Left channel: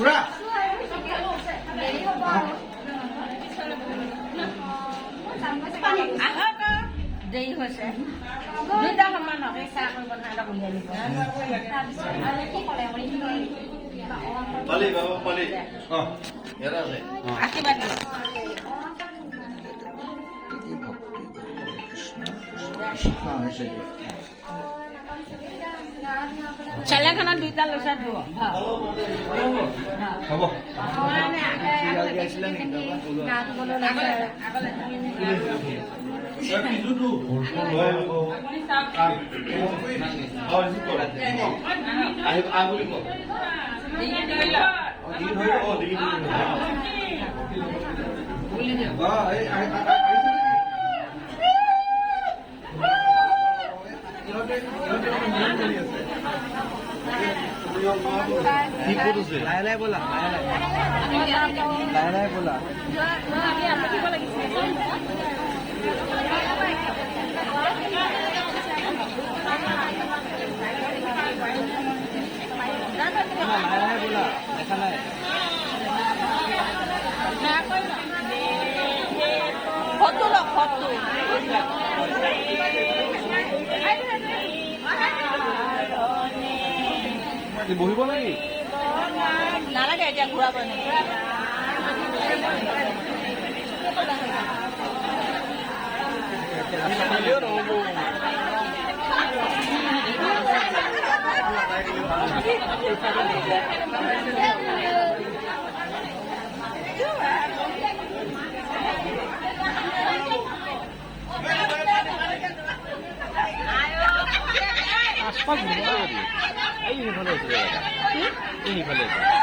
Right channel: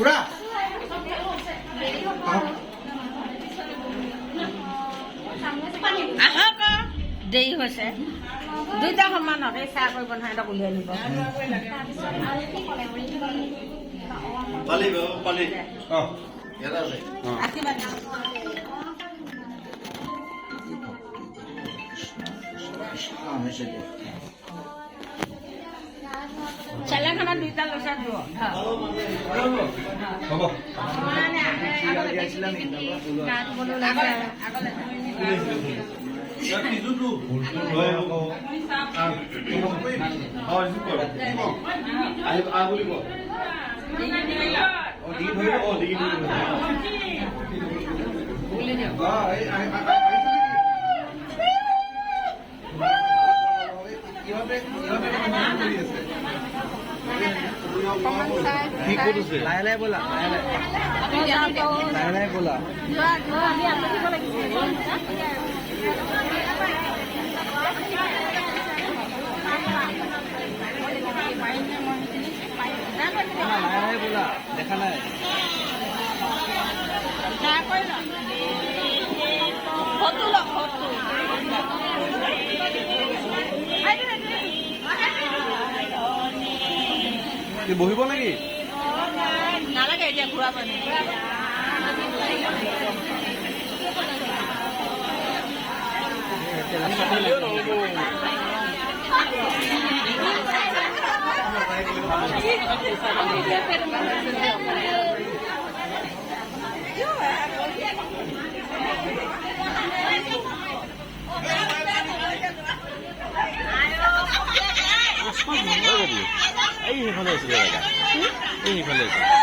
খুড়া দেৰি হৈছে দুইটা সমানতে চাহ কৰিব নহয় এটা উলিয়াই নিব পালি বাবা পালি আশীৰ্বাদ চেলেখনত দুইটা লৈছা দিব হ'ব লাহে লাহে ব'লা লাহে লাহে ব'লা লাহে লাহে ব'লা দেখা নাই বহিব নেকি নালাগে এতিয়া ঘূৰাব এই সিফালে আছিলে এই সিফালে আছে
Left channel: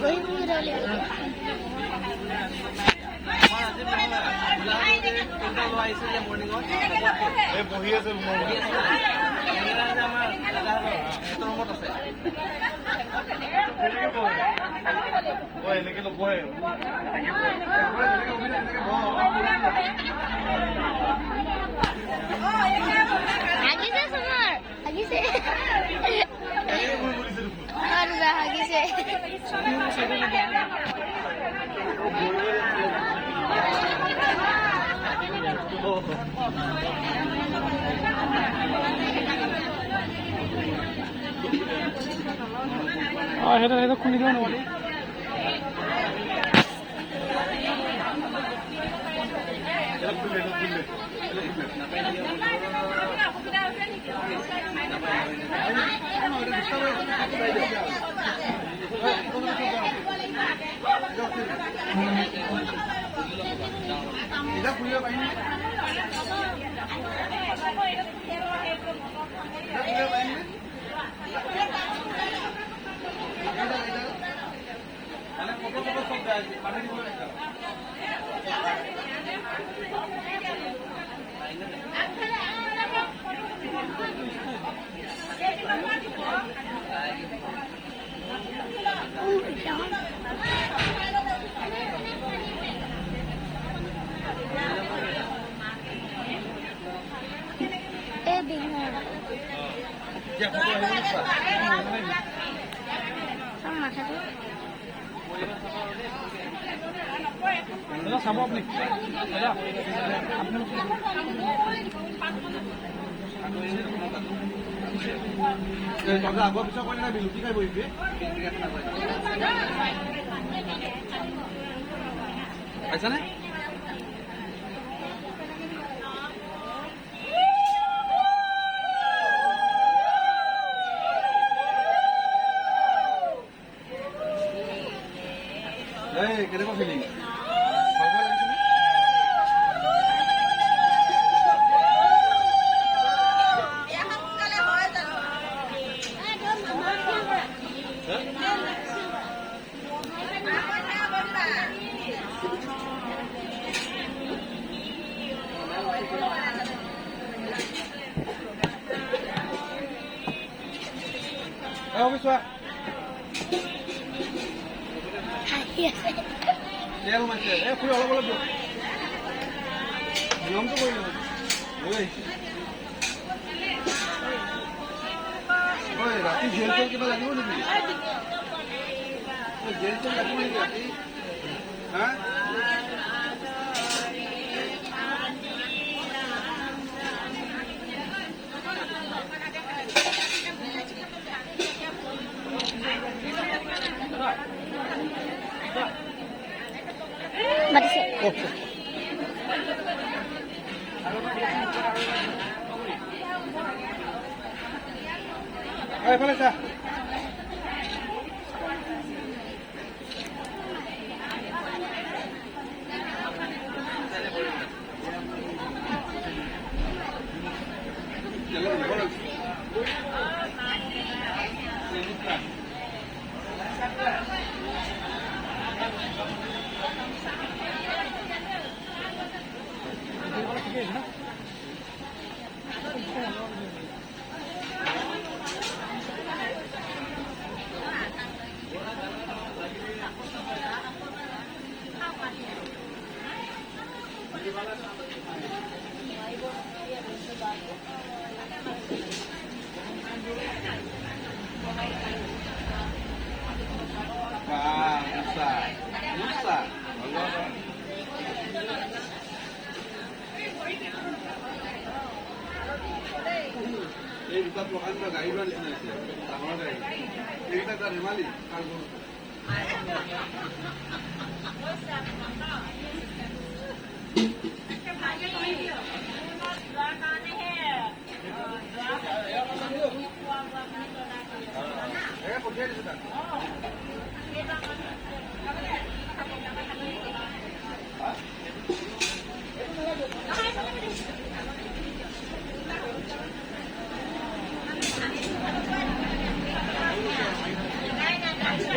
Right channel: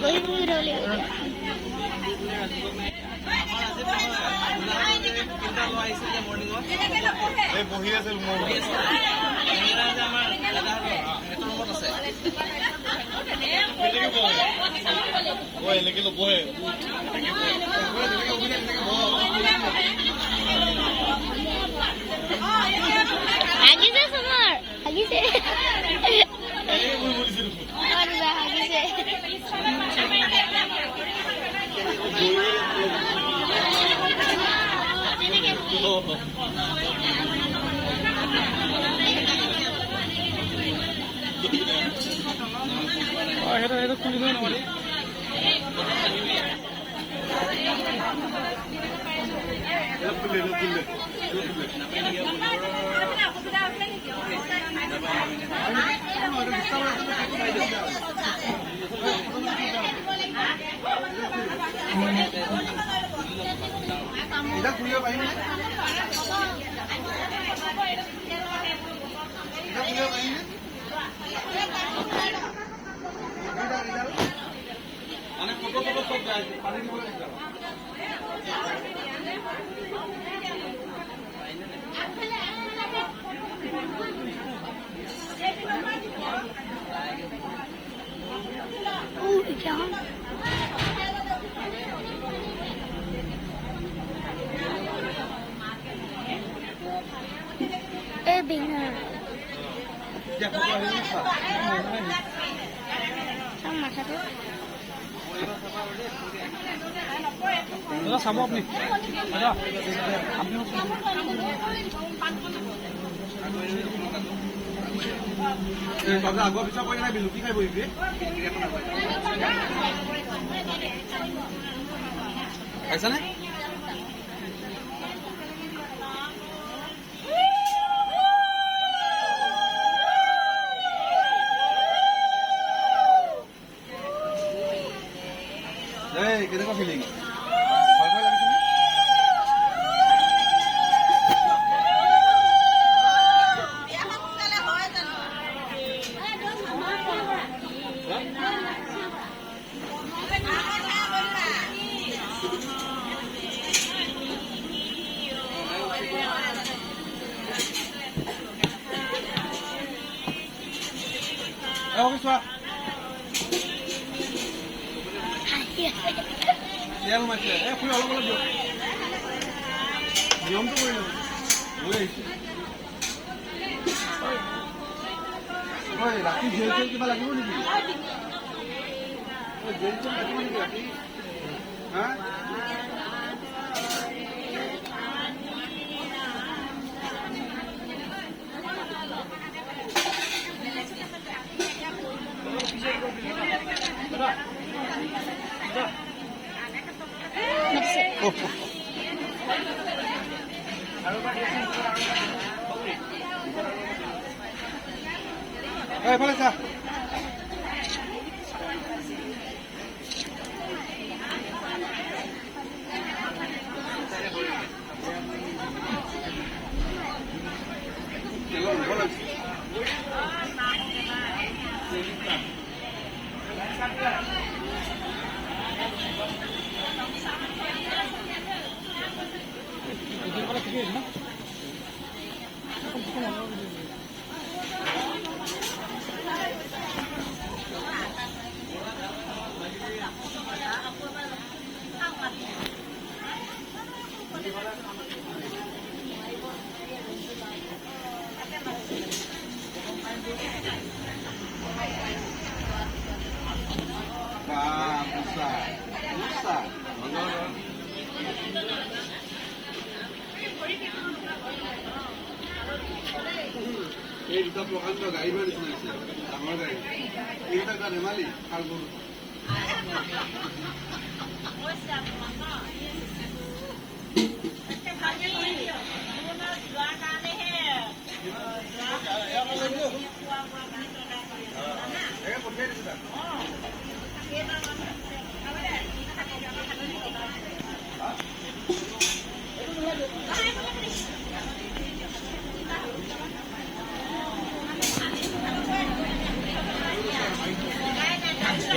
বহি বহি ৰ'ব লাগিব আমাৰ আজি নহয় যে তিনিটা ল'ৰা আহিছিল যে মৰ্ণিঙত এই বহি আছে বহি আছে সেইকেইটা যে আমাৰ দাদাহঁতৰ সিহঁতৰ ৰুমত আছে এনেকে নবহে হাগিছে চবৰ হাগিছে আৰু হাগিছে সেইটো খুলি দিওঁ নেকি এটা খুলিব পাৰিম মানে ফটো ফটো চব পানী দিব এই বিঙৰ চাম মাথাটো চাব আপুনি আগৰ পিছত কৈ নাই লুটি খাই বহিবি পাইছানে কেনেকুৱা ফিলিং ভয় ভয় লাগিছেনে চোৱা তেল মাছে ফুৰি অলপ অলপ দিয়ক নিয়মটো কৰি লওঁ লৈ আহিছোঁ ৰাতি জেল চেল কিবা লাগিব নেকি জেল চেল লাগিব নেকি ৰাতি হা মাতিছে এইফালে চা এই দুটা প্ৰকাণ্ড গাড়ী লোৱাৰ নিচিনা হৈছে ডাঙৰ গাড়ী এইকেইটা এটা ধেমালি খালবোৰ পঠিয়াই দিছে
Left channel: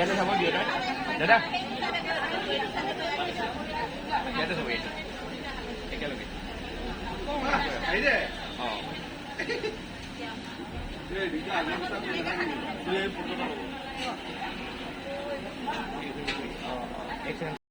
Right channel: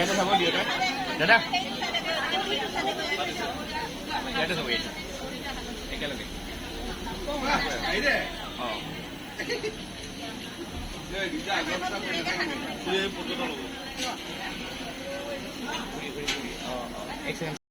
ইয়াতে চাব দিয়ে দাদা ইয়াতে চাব একেলগে আহিলে অঁ এই দুটা আগৰ চাপ ফটোটা ল'ব